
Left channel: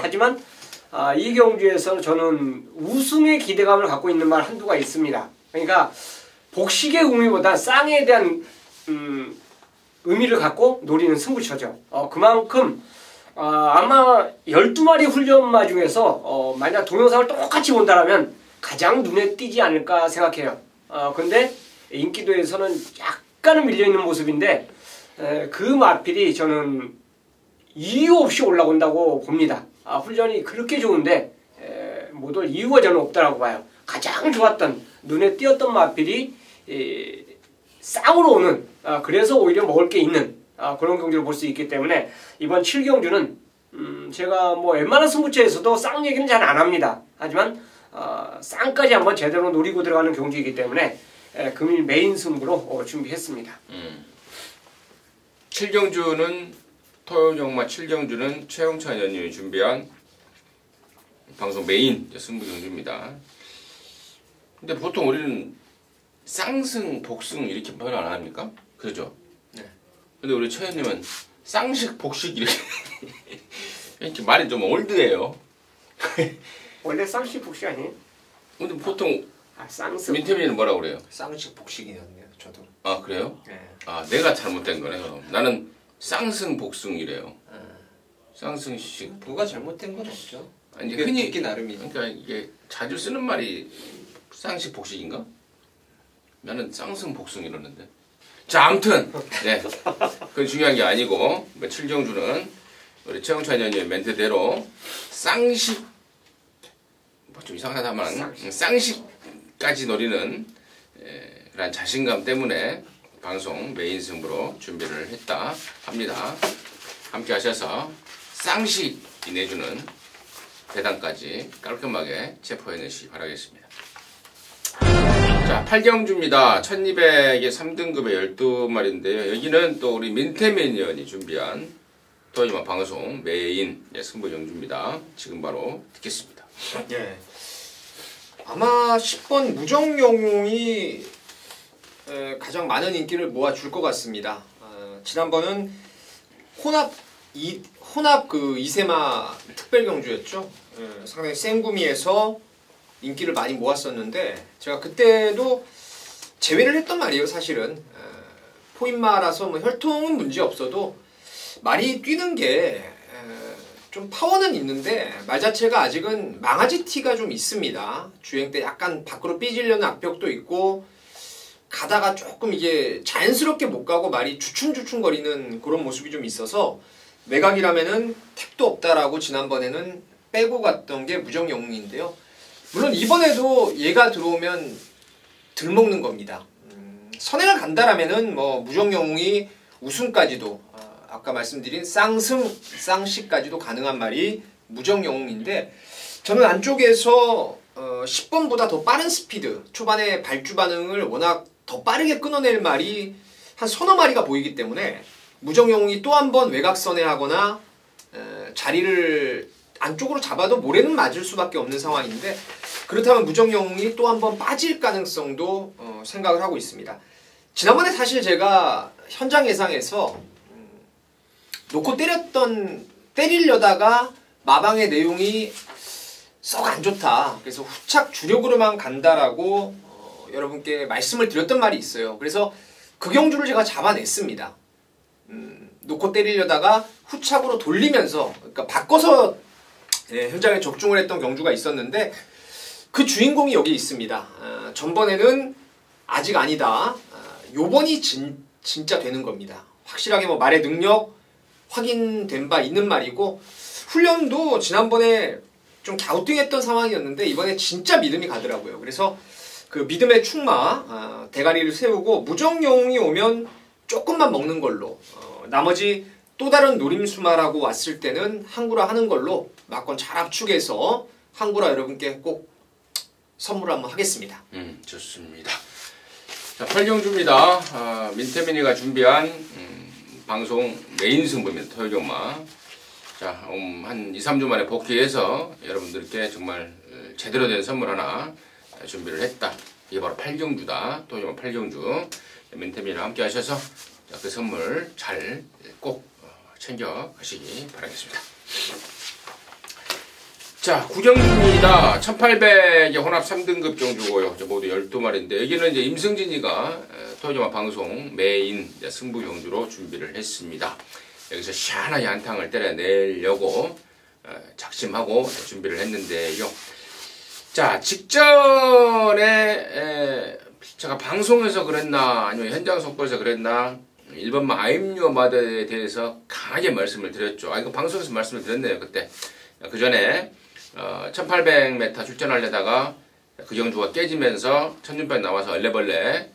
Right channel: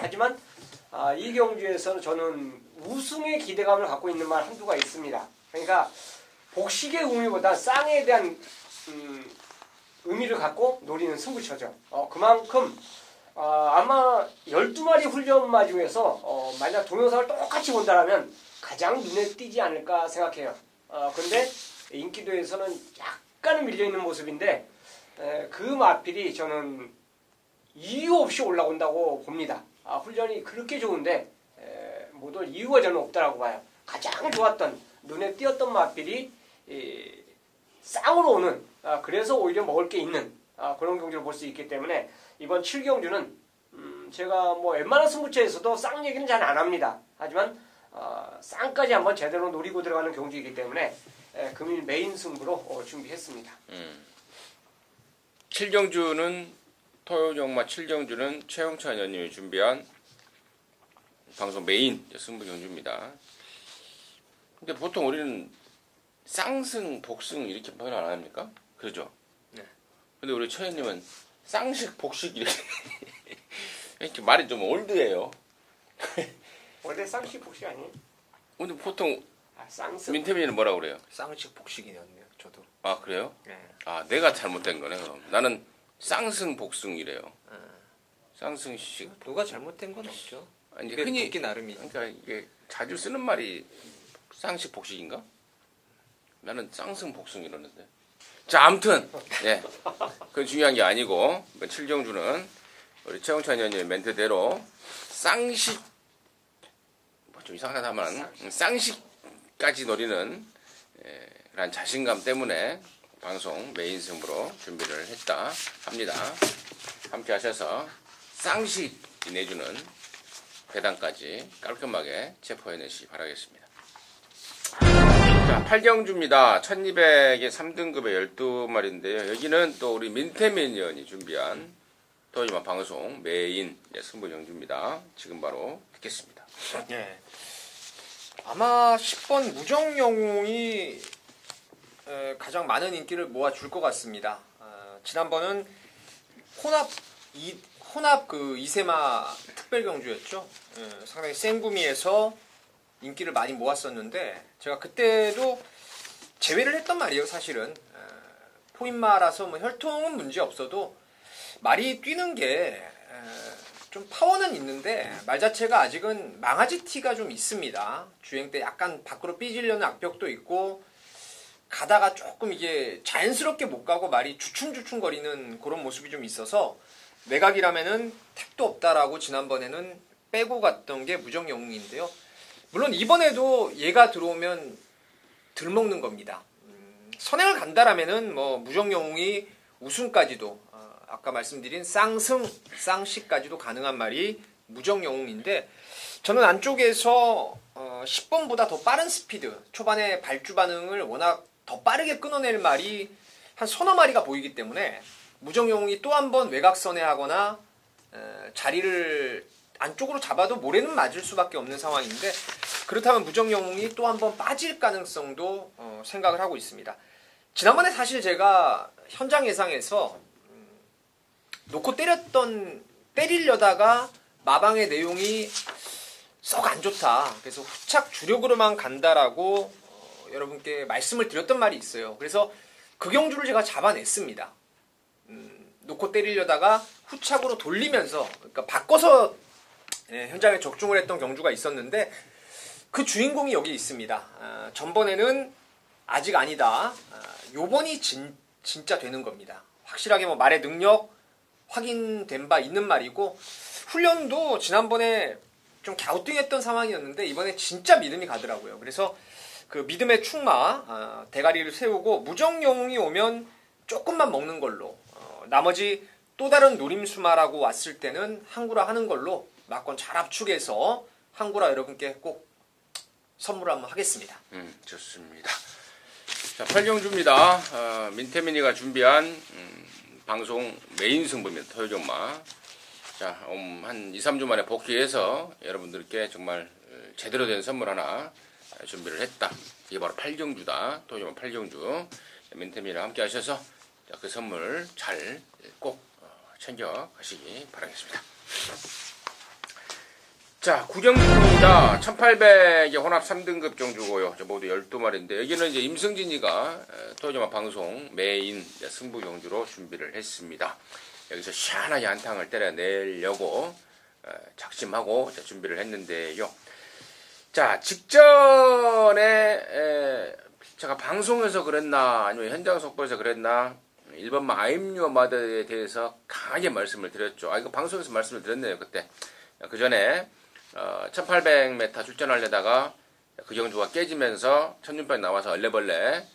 하지만 이 경주에서는 저는 우승의 기대감을 갖고 있는 말 한두가 있습니다. 그러니까 복식의 의미보다 쌍에 대한 의미를 갖고 노리는 승부처죠. 그만큼 아마 12마리 훈련마 중에서 만약 동영상을 똑같이 본다면 가장 눈에 띄지 않을까 생각해요. 그런데 인기도에서는 약간은 밀려있는 모습인데 그 마필이 저는 이유 없이 올라온다고 봅니다. 훈련이 그렇게 좋은데 못 올 이유가 저는 없다고 봐요. 가장 좋았던 눈에 띄었던 마필이 쌍으로 오는 그래서 오히려 먹을 게 있는 그런 경주를 볼 수 있기 때문에 이번 7경주는 제가 뭐 웬만한 승부처에서도 쌍 얘기는 잘 안 합니다. 하지만 쌍까지 한번 제대로 노리고 들어가는 경주이기 때문에 금일 메인 승부로 준비했습니다. 7경주는 토요정마 7경주는 최홍찬 의원님이 준비한 방송 메인 승부 경주입니다. 근데 보통 우리는 쌍승, 복승 이렇게 표현 안 합니까? 그죠? 네. 근데 우리 최 의원님은 쌍식, 복식 이렇게 이렇게 말이 좀 올드해요. 원래 쌍식 복식 아니에요? 근데 보통 쌍승. 민태민이는 뭐라고 그래요? 쌍식 복식이었네요. 저도. 아 그래요? 네. 내가 잘못된 거네요. 나는 쌍승, 복승이래요. 쌍승식. 누가 잘못된 건 없죠. 아니 이게 흔히 듣기 나름이죠. 그러니까 이게 자주 쓰는 말이 쌍식, 복식인가? 나는 쌍승, 복승 이러는데. 자 아무튼 그건 중요한 게 아니고 7경주는 우리 최홍찬 의원님의 멘트대로 쌍식 좀 이상하다만 쌍식까지 노리는 그런 자신감 때문에 방송 메인 승부로 준비를 했다 합니다. 함께 하셔서 쌍식이 내주는 대단까지 깔끔하게 체포해내시기 바라겠습니다. 자, 8경주입니다. 1200의 3등급의 12마리인데요. 여기는 또 우리 민태민 의원이 준비한 토요일만 방송 메인 승부 경주입니다. 지금 바로 듣겠습니다. 네. 아마 10번 무정영웅이 가장 많은 인기를 모아줄 것 같습니다. 지난번은 혼합 그 이세마 특별 경주였죠. 상당히 센 구미에서 인기를 많이 모았었는데 제가 그때도 제외를 했단 말이에요. 사실은 포인마라서 뭐 혈통은 문제 없어도 말이 뛰는 게 좀 파워는 있는데 말 자체가 아직은 망아지 티가 좀 있습니다. 주행 때 약간 밖으로 삐지려는 악벽도 있고 가다가 조금 이게 자연스럽게 못 가고 말이 주춤주춤거리는 그런 모습이 좀 있어서 외곽이라면은 택도 없다라고 지난번에는 빼고 갔던 게 무정영웅인데요. 물론 이번에도 얘가 들어오면 들먹는 겁니다. 선행을 간다라면은 뭐 무정영웅이 우승까지도 아까 말씀드린 쌍승, 쌍시까지도 가능한 말이 무정영웅인데 저는 안쪽에서 10번보다 더 빠른 스피드, 초반에 발주 반응을 워낙 더 빠르게 끊어낼 말이 한 서너 마리가 보이기 때문에 무정영웅이 또 한 번 외곽선에 하거나 자리를 안쪽으로 잡아도 모래는 맞을 수밖에 없는 상황인데 그렇다면 무정영웅이 또 한 번 빠질 가능성도 생각을 하고 있습니다. 지난번에 사실 제가 현장 예상에서 놓고 때리려다가 마방의 내용이 썩 안 좋다. 그래서 후착 주력으로만 간다라고 여러분께 말씀을 드렸던 말이 있어요. 그래서 그 경주를 제가 잡아냈습니다. 놓고 때리려다가 후착으로 돌리면서 그러니까 바꿔서 현장에 적중을 했던 경주가 있었는데 그 주인공이 여기 있습니다. 전번에는 아직 아니다. 요번이 진짜 되는 겁니다. 확실하게 뭐 말의 능력 확인된 바 있는 말이고 훈련도 지난번에 좀 갸우뚱했던 상황이었는데 이번에 진짜 믿음이 가더라고요. 그래서 그 믿음의 충마 대가리를 세우고 무정영웅이 오면 조금만 먹는 걸로 나머지 또 다른 노림수마라고 왔을 때는 항구라 하는 걸로 막권 잘 압축해서 항구라 여러분께 꼭 선물 한번 하겠습니다. 좋습니다. 자, 8경주입니다. 민태민이가 준비한 방송 메인 승부입니다. 토요일 엄마. 자, 한 2, 3주 만에 복귀해서 여러분들께 정말 제대로 된 선물 하나 준비를 했다. 이게 바로 8경주다. 토요일 엄마 8경주. 민태민이랑 함께 하셔서 그 선물 잘 꼭 챙겨 가시기 바라겠습니다. 자, 9경주입니다. 1800의 혼합 3등급 경주고요. 모두 12마리인데 여기는 이제 임승진이가 토요일 방송 메인 승부 경주로 준비를 했습니다. 여기서 시원하게 한탕을 때려내려고 작심하고 준비를 했는데요. 자, 직전에 제가 방송에서 그랬나 아니면 현장 속보에서 그랬나 1번마 아임유어 마드에 대해서 강하게 말씀을 드렸죠. 이거 방송에서 말씀을 드렸네요. 그때 그 전에 1800m 출전하려다가 그 경주가 깨지면서 천준판이 나와서 얼레벌레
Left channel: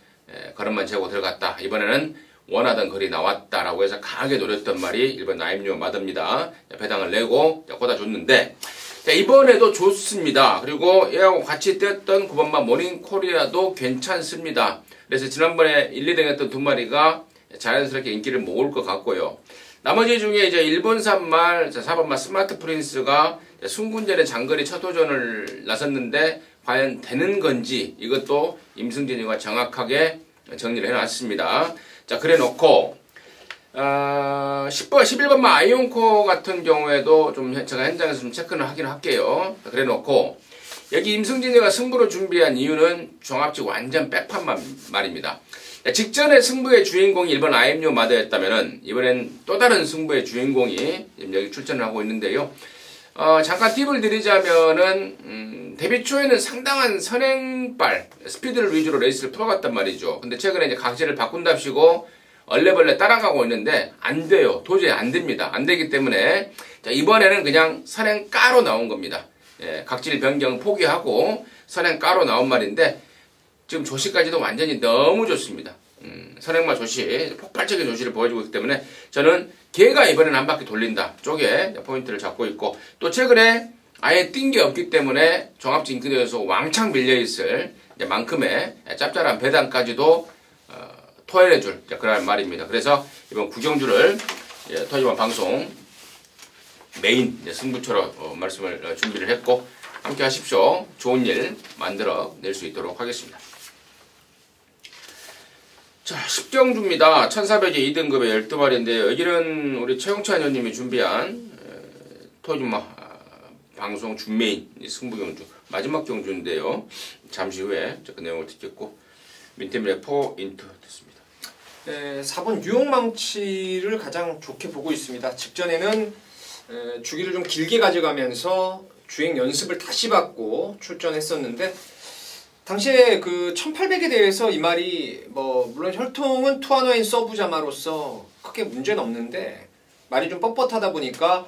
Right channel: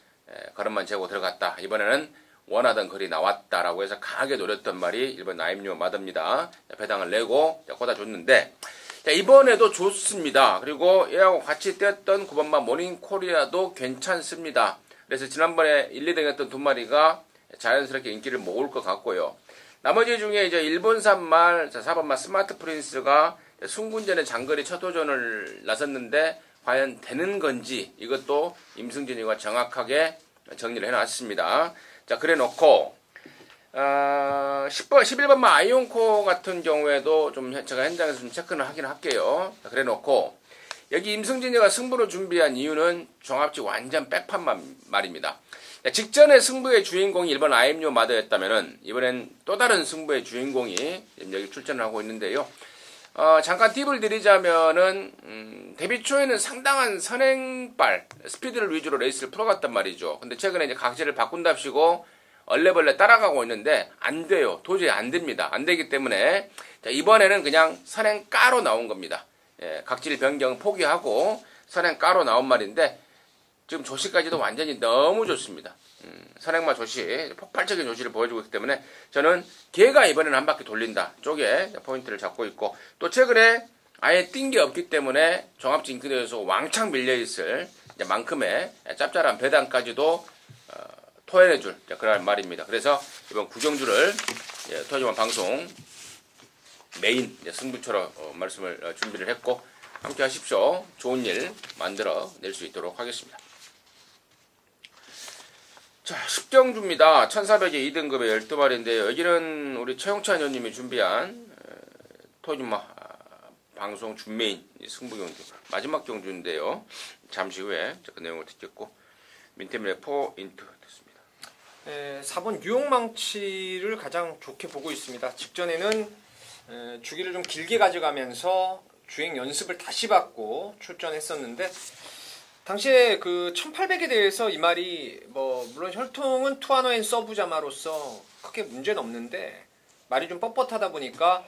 걸음만 재고 들어갔다. 이번에는 원하던 거리 나왔다라고 해서 강하게 노렸던 말이 1번 아임유어 마드입니다. 배당을 내고 꽂아줬는데 이번에도 좋습니다. 그리고 얘하고 같이 뛰었던 9번마 모닝코리아도 괜찮습니다. 그래서 지난번에 1, 2등 했던 두 마리가 자연스럽게 인기를 모을 것 같고요. 나머지 중에 이제 1번산 말, 4번마 스마트 프린스가 순군전에 장거리 첫 도전을 나섰는데 과연 되는 건지 이것도 임승진이가 정확하게 정리를 해놨습니다. 자, 그래 놓고 11번마 아이온코 같은 경우에도 좀 제가 현장에서 좀 체크를 하긴 할게요. 그래 놓고 여기 임승진이가 승부를 준비한 이유는 종합직 완전 백판 말입니다. 직전에 승부의 주인공이 1번 아임유 마더였다면은 이번엔 또 다른 승부의 주인공이 여기 출전을 하고 있는데요. 잠깐 팁을 드리자면은 데뷔 초에는 상당한 선행발 스피드를 위주로 레이스를 풀어갔단 말이죠. 근데 최근에 이제 각질을 바꾼답시고 얼레벌레 따라가고 있는데 안 돼요. 도저히 안 됩니다. 안 되기 때문에 자, 이번에는 그냥 선행가로 나온 겁니다. 각질 변경 포기하고 선행가로 나온 말인데 지금 조시까지도 완전히 너무 좋습니다. 선행마 조시, 폭발적인 조시를 보여주고 있기 때문에 저는 걔가 이번에는 한 바퀴 돌린다 쪽에 포인트를 잡고 있고 또 최근에 아예 뛴 게 없기 때문에 종합직 인기도에서 왕창 밀려있을 만큼의 짭짤한 배당까지도 토해내줄 그런 말입니다. 그래서 이번 구경주를 토요일 방송 메인 승부처럼 말씀을 준비를 했고 함께 하십시오. 좋은 일 만들어 낼 수 있도록 하겠습니다. 자, 10경주입니다. 1400의 2등급의 12마리인데요. 여기는 우리 최용찬 의원님이 준비한 토요일마 방송 준메인 승부경주 마지막 경주인데요. 잠시 후에 그 내용을 듣겠고 민태민의 포인트 듣습니다. 4번 뉴욕망치를 가장 좋게 보고 있습니다. 직전에는 주기를 좀 길게 가져가면서 주행 연습을 다시 받고 출전했었는데 당시에 그 1800에 대해서 이 말이 뭐 물론 혈통은 투아노엔 서브자마로서 크게 문제는 없는데 말이 좀 뻣뻣하다 보니까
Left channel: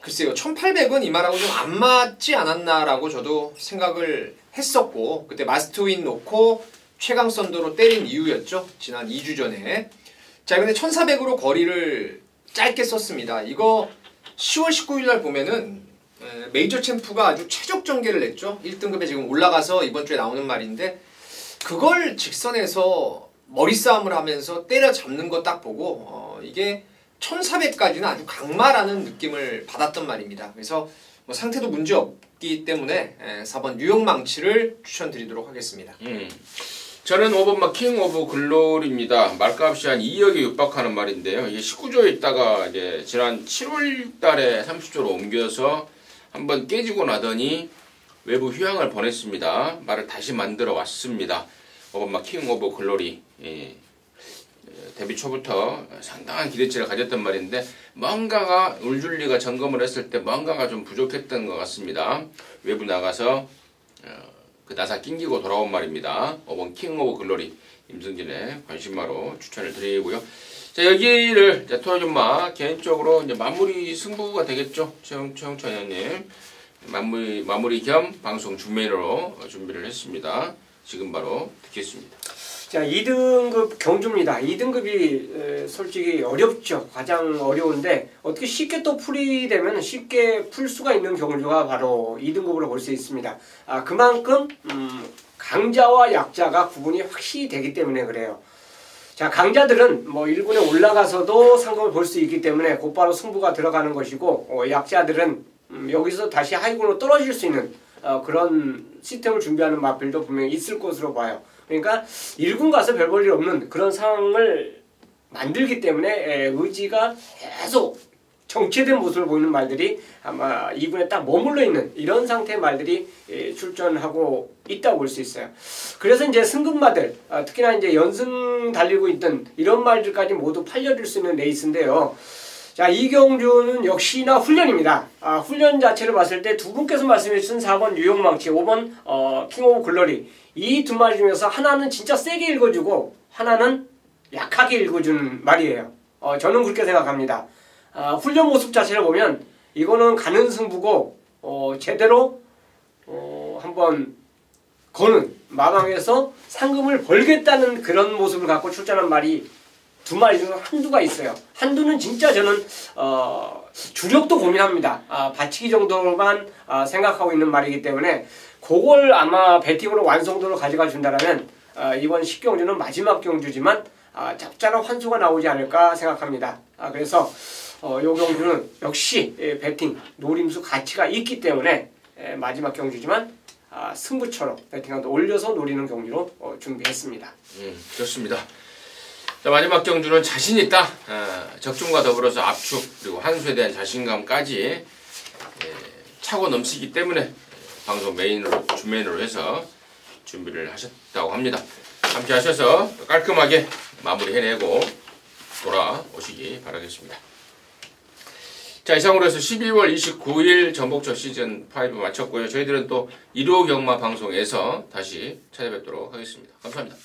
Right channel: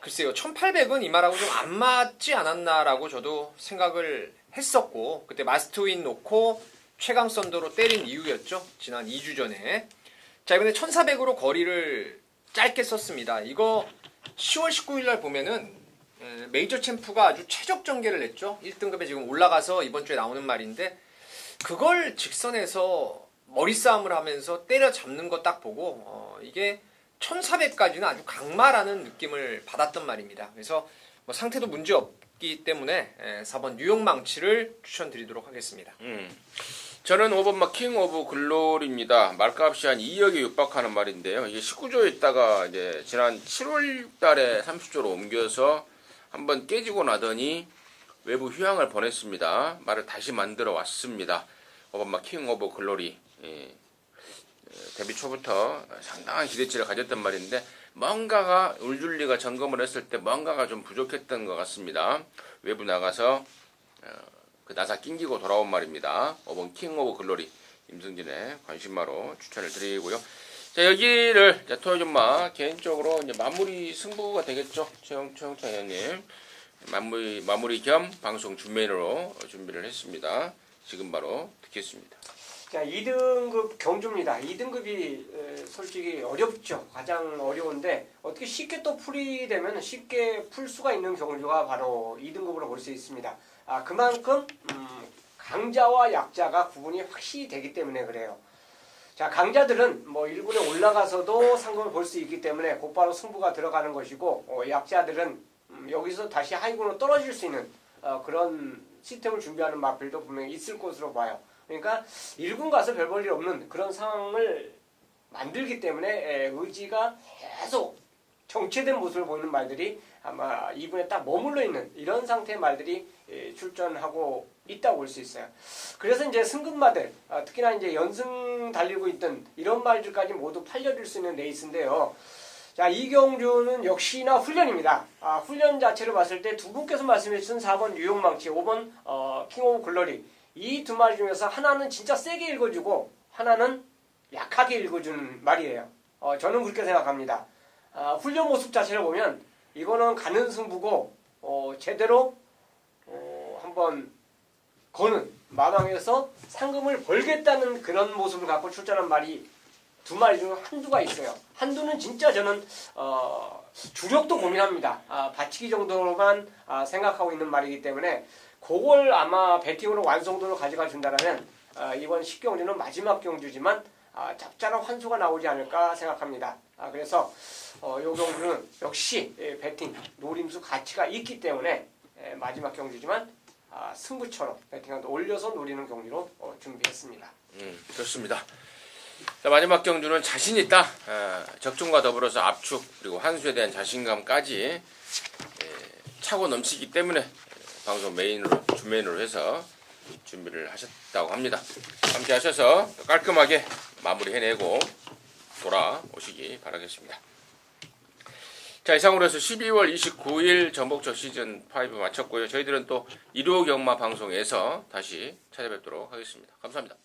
글쎄요 1800은 이 말하고 좀 안 맞지 않았나라고 저도 생각을 했었고 그때 마스트윈 놓고 최강 썬더로 때린 이유였죠. 지난 2주 전에. 자 근데 1400으로 거리를 짧게 썼습니다. 이거 10월 19일 날 보면은 메이저 챔프가 아주 최적 전개를 냈죠. 1등급에 지금 올라가서 이번 주에 나오는 말인데 그걸 직선에서 머리 싸움을 하면서 때려잡는 거 딱 보고 이게 1400까지는 아주 강마라는 느낌을 받았던 말입니다. 그래서 뭐 상태도 문제 없기 때문에 4번 뉴욕 망치를 추천드리도록 하겠습니다. 저는 5번 킹 오브 글로리입니다. 말값이 한 2억에 육박하는 말인데요. 이게 19조에 있다가 이제 지난 7월 달에 30조로 옮겨서 한번 깨지고 나더니 외부 휴양을 보냈습니다. 말을 다시 만들어 왔습니다. 5번 킹 오브 글로리. 데뷔 초부터 상당한 기대치를 가졌던 말인데 뭔가가 울줄리가 점검을 했을 때 뭔가가 좀 부족했던 것 같습니다. 외부 나가서 그 나사 낑기고 돌아온 말입니다. 5번 킹 오브 글로리 임승진의 관심마로 추천을 드리고요. 자 여기를 토요준마 개인적으로 이제 마무리 승부가 되겠죠. 최영철 의원님 마무리 겸 방송 준메인으로 준비를 했습니다. 지금 바로 듣겠습니다. 자 2등급 경주입니다. 2등급이 솔직히 어렵죠. 가장 어려운데 어떻게 쉽게 또 풀이되면 쉽게 풀 수가 있는 경주가 바로 2등급으로 볼 수 있습니다. 그만큼 강자와 약자가 구분이 확실히 되기 때문에 그래요. 자 강자들은 뭐 1군에 올라가서도 상금을 볼 수 있기 때문에 곧바로 승부가 들어가는 것이고 약자들은 여기서 다시 하위군으로 떨어질 수 있는 그런 시스템을 준비하는 마필도 분명히 있을 것으로 봐요. 그러니까 1군 가서 별 볼 일 없는 그런 상황을 만들기 때문에 의지가 계속 정체된 모습을 보이는 말들이 아마 2군에 딱 머물러 있는 이런 상태의 말들이 출전하고 있다고 볼 수 있어요. 그래서 이제 승급마들 특히나 이제 연승 달리고 있던 이런 말들까지 모두 팔려들 수 있는 레이스인데요. 자, 이 경주는 역시나 훈련입니다. 훈련 자체를 봤을 때 두 분께서 말씀해 주신 4번 뉴욕 망치, 5번 킹 오브 글로리 이 두 마리 중에서 하나는 진짜 세게 읽어주고 하나는 약하게 읽어주는 말이에요. 저는 그렇게 생각합니다. 훈련 모습 자체를 보면 이거는 가는 승부고 제대로 한번 거는 마방에서 상금을 벌겠다는 그런 모습을 갖고 출전한 말이 두 마리 중에 한두가 있어요. 한두는 진짜 저는 주력도 고민합니다. 받치기 정도로만 생각하고 있는 말이기 때문에 그걸 아마 배팅으로 완성도를 가져가 준다면 이번 10경주는 마지막 경주지만 적절한 환수가 나오지 않을까 생각합니다. 그래서 이 경주는 역시 배팅, 노림수 가치가 있기 때문에 마지막 경주지만 승부처럼 배팅을 올려서 노리는 경주로 준비했습니다. 좋습니다. 자, 마지막 경주는 자신있다. 적중과 더불어서 압축 그리고 환수에 대한 자신감까지 차고 넘치기 때문에 방송 메인으로 주메인으로 해서 준비를 하셨다고 합니다. 함께 하셔서 깔끔하게 마무리 해내고 돌아오시기 바라겠습니다. 자 이상으로 해서 12월 29일 전복처 시즌5 마쳤고요. 저희들은 또 1호 경마 방송에서 다시 찾아뵙도록 하겠습니다. 감사합니다.